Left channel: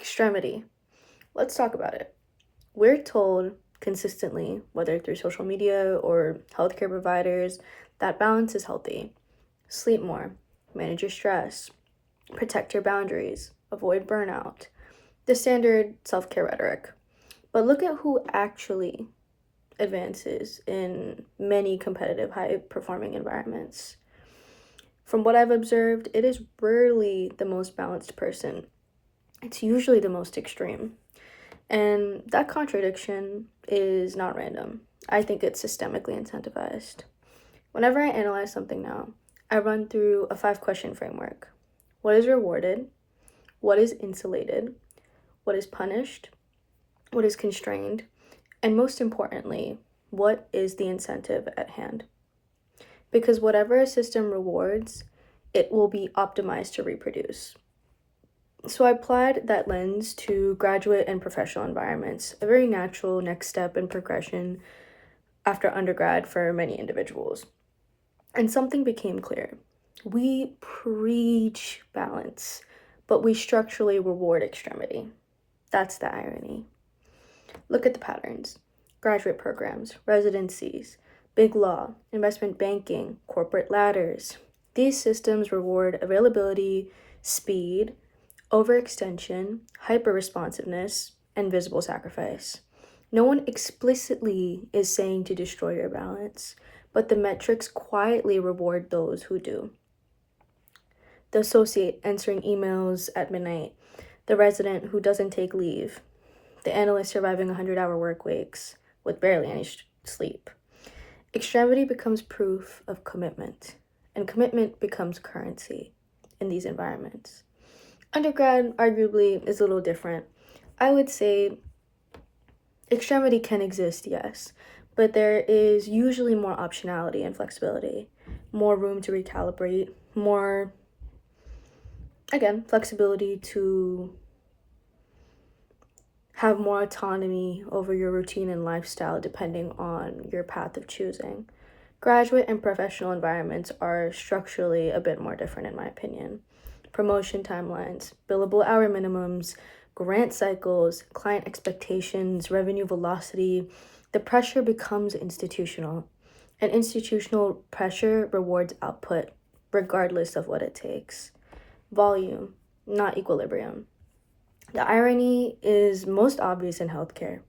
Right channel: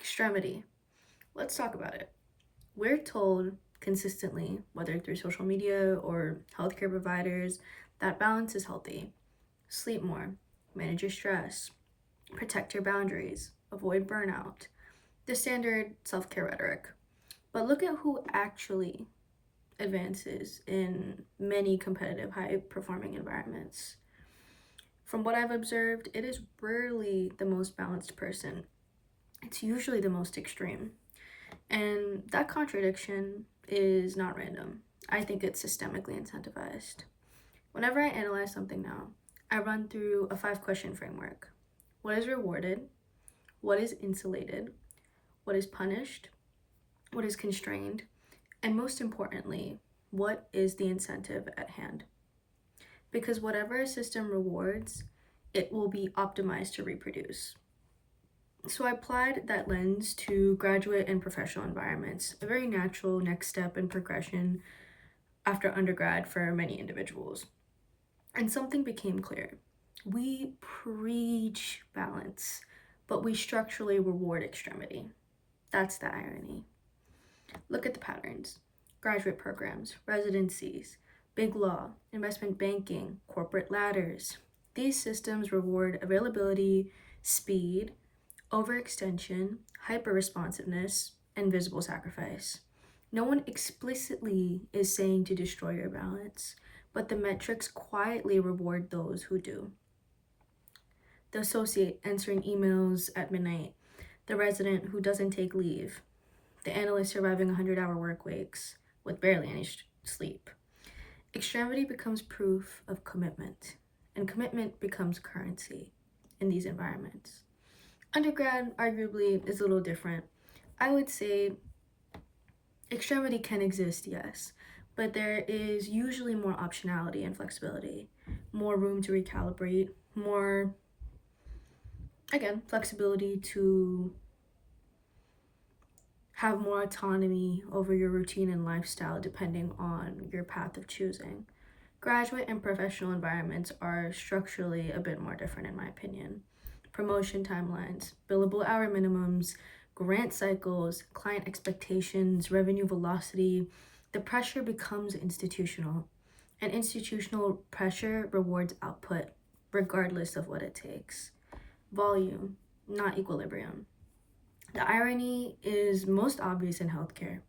Extremity. Let's talk about it. We're told consistently, whether through social media or healthcare providers, that balance is healthy. Sleep more, manage your stress, protect your boundaries, avoid burnout. The standard self care rhetoric. But look at who actually advances in many competitive, high performing environments. From what I've observed, it is rarely the most balanced person, it's usually the most extreme. And that contradiction is not random. I think it's systemically incentivized. Whenever I analyze something now, I run through a 5 question framework. What is rewarded? What is insulated? What is punished? What is constrained? And most importantly, what is the incentive at hand? Because whatever a system rewards, it will be optimized to reproduce. So I applied that lens to graduate and professional environments, a very natural next step in progression after undergrad for many individuals. And something became clear. We preach balance, but we structurally reward extremity. That's the irony. Look at the patterns. Graduate programs, residencies, big law, investment banking, corporate ladders. These systems reward availability, speed, overextension, hyper-responsiveness, and visible sacrifice. No one explicitly is saying to destroy your balance, but the metrics quietly reward those who do. The associate answering emails at midnight, the resident who doesn't take leave, the analyst surviving 100-hour work weeks with barely any sleep. Extremity becomes proof of commitment, and commitment becomes currency in these environments. Undergrad, arguably, is a little different. I would say extremity can exist, yes, but there is usually more optionality and flexibility, more room to recalibrate, more, again, flexibility to have more autonomy over your routine and lifestyle depending on your path of choosing. Graduate and professional environments are structurally a bit more different, in my opinion. Promotion timelines, billable hour minimums, grant cycles, client expectations, revenue velocity, the pressure becomes institutional. And institutional pressure rewards output, regardless of what it takes. Volume, not equilibrium. The irony is most obvious in healthcare.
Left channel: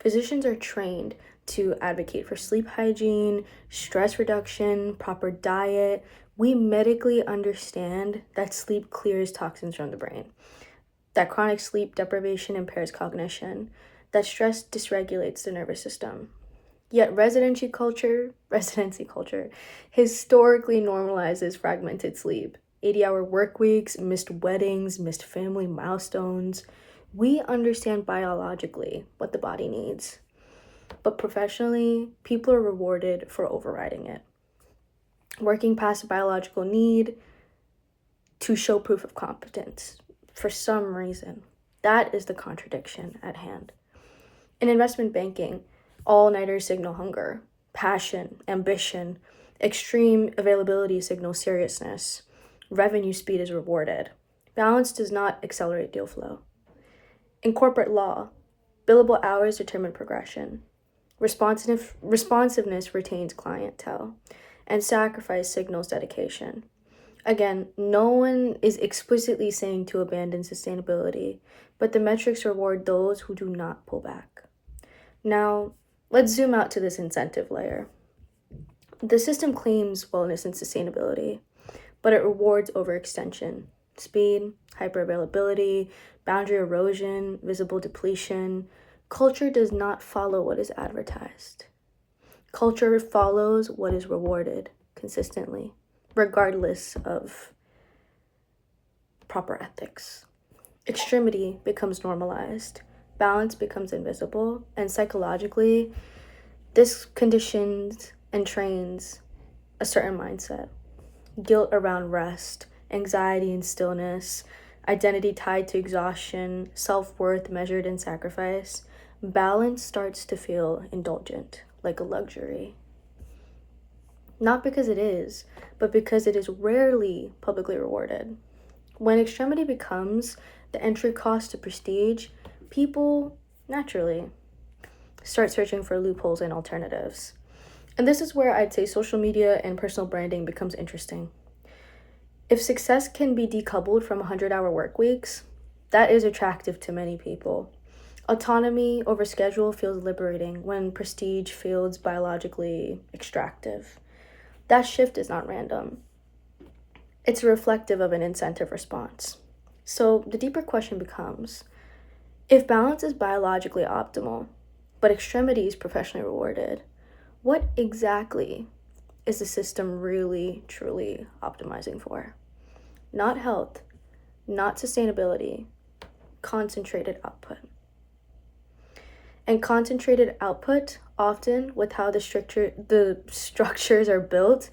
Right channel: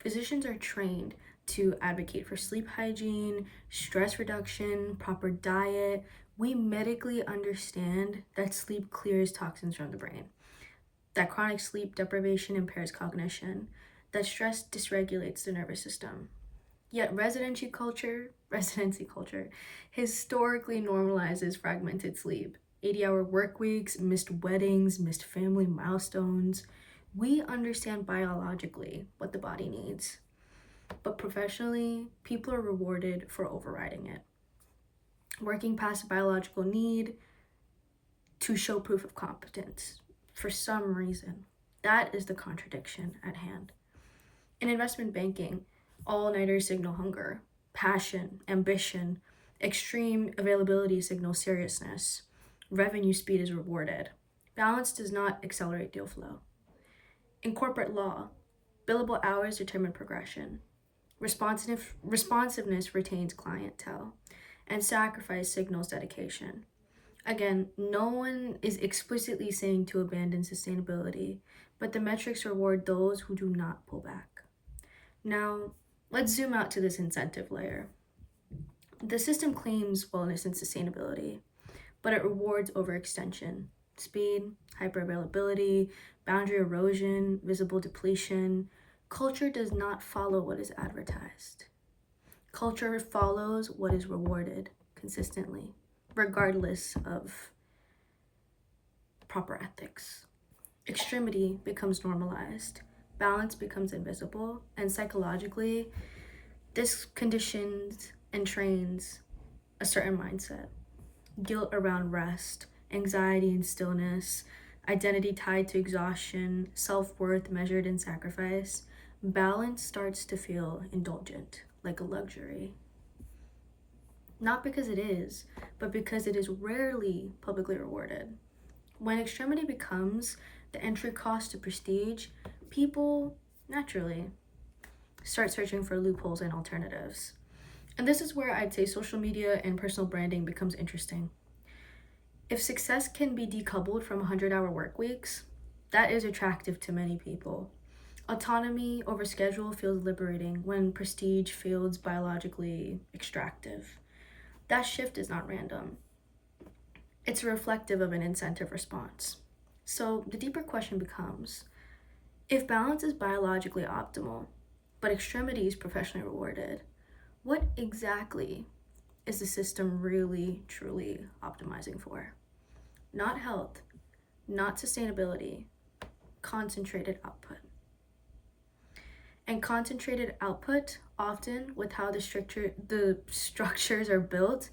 Physicians are trained to advocate for sleep hygiene, stress reduction, proper diet. We medically understand that sleep clears toxins from the brain, that chronic sleep deprivation impairs cognition, that stress dysregulates the nervous system. Yet residency culture historically normalizes fragmented sleep. 80-hour work weeks, missed weddings, missed family milestones. We understand biologically what the body needs. But professionally, people are rewarded for overriding it. Working past a biological need to show proof of competence for some reason. That is the contradiction at hand. In investment banking, all-nighters signal hunger, passion, ambition, extreme availability signals seriousness. Revenue speed is rewarded. Balance does not accelerate deal flow. In corporate law, billable hours determine progression. Responsiveness retains clientele, and sacrifice signals dedication. Again, no one is explicitly saying to abandon sustainability, but the metrics reward those who do not pull back. Now, let's zoom out to this incentive layer. The system claims wellness and sustainability, but it rewards overextension, speed, hyperavailability, boundary erosion, visible depletion. Culture does not follow what is advertised. Culture follows what is rewarded consistently, regardless of proper ethics. Extremity becomes normalized, balance becomes invisible, and psychologically, this conditions and trains a certain mindset. Guilt around rest, anxiety and stillness, identity tied to exhaustion, self-worth measured in sacrifice. Balance starts to feel indulgent, like a luxury. Not because it is, but because it is rarely publicly rewarded. When extremity becomes the entry cost to prestige, people naturally start searching for loopholes and alternatives. And this is where I'd say social media and personal branding becomes interesting. If success can be decoupled from 100-hour work weeks, that is attractive to many people. Autonomy over schedule feels liberating when prestige feels biologically extractive. That shift is not random. It's reflective of an incentive response. So the deeper question becomes, if balance is biologically optimal, but extremity is professionally rewarded, what exactly is the system really, truly optimizing for? Not health, not sustainability, concentrated output. And concentrated output, often with how the structures are built,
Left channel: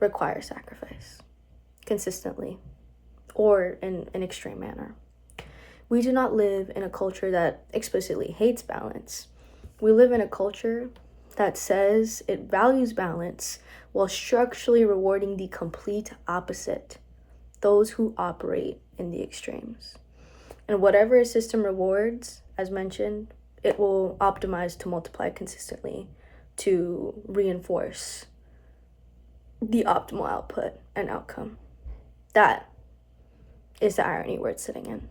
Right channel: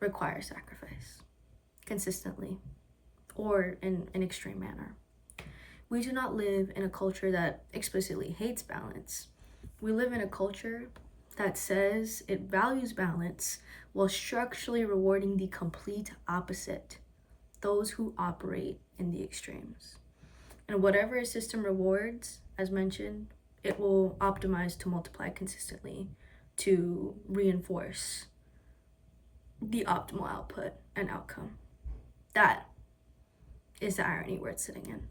require sacrifice consistently or in an extreme manner. We do not live in a culture that explicitly hates balance. We live in a culture that says it values balance while structurally rewarding the complete opposite, those who operate in the extremes. And whatever a system rewards, as mentioned, it will optimize to multiply consistently to reinforce the optimal output and outcome. That is the irony where it's sitting in.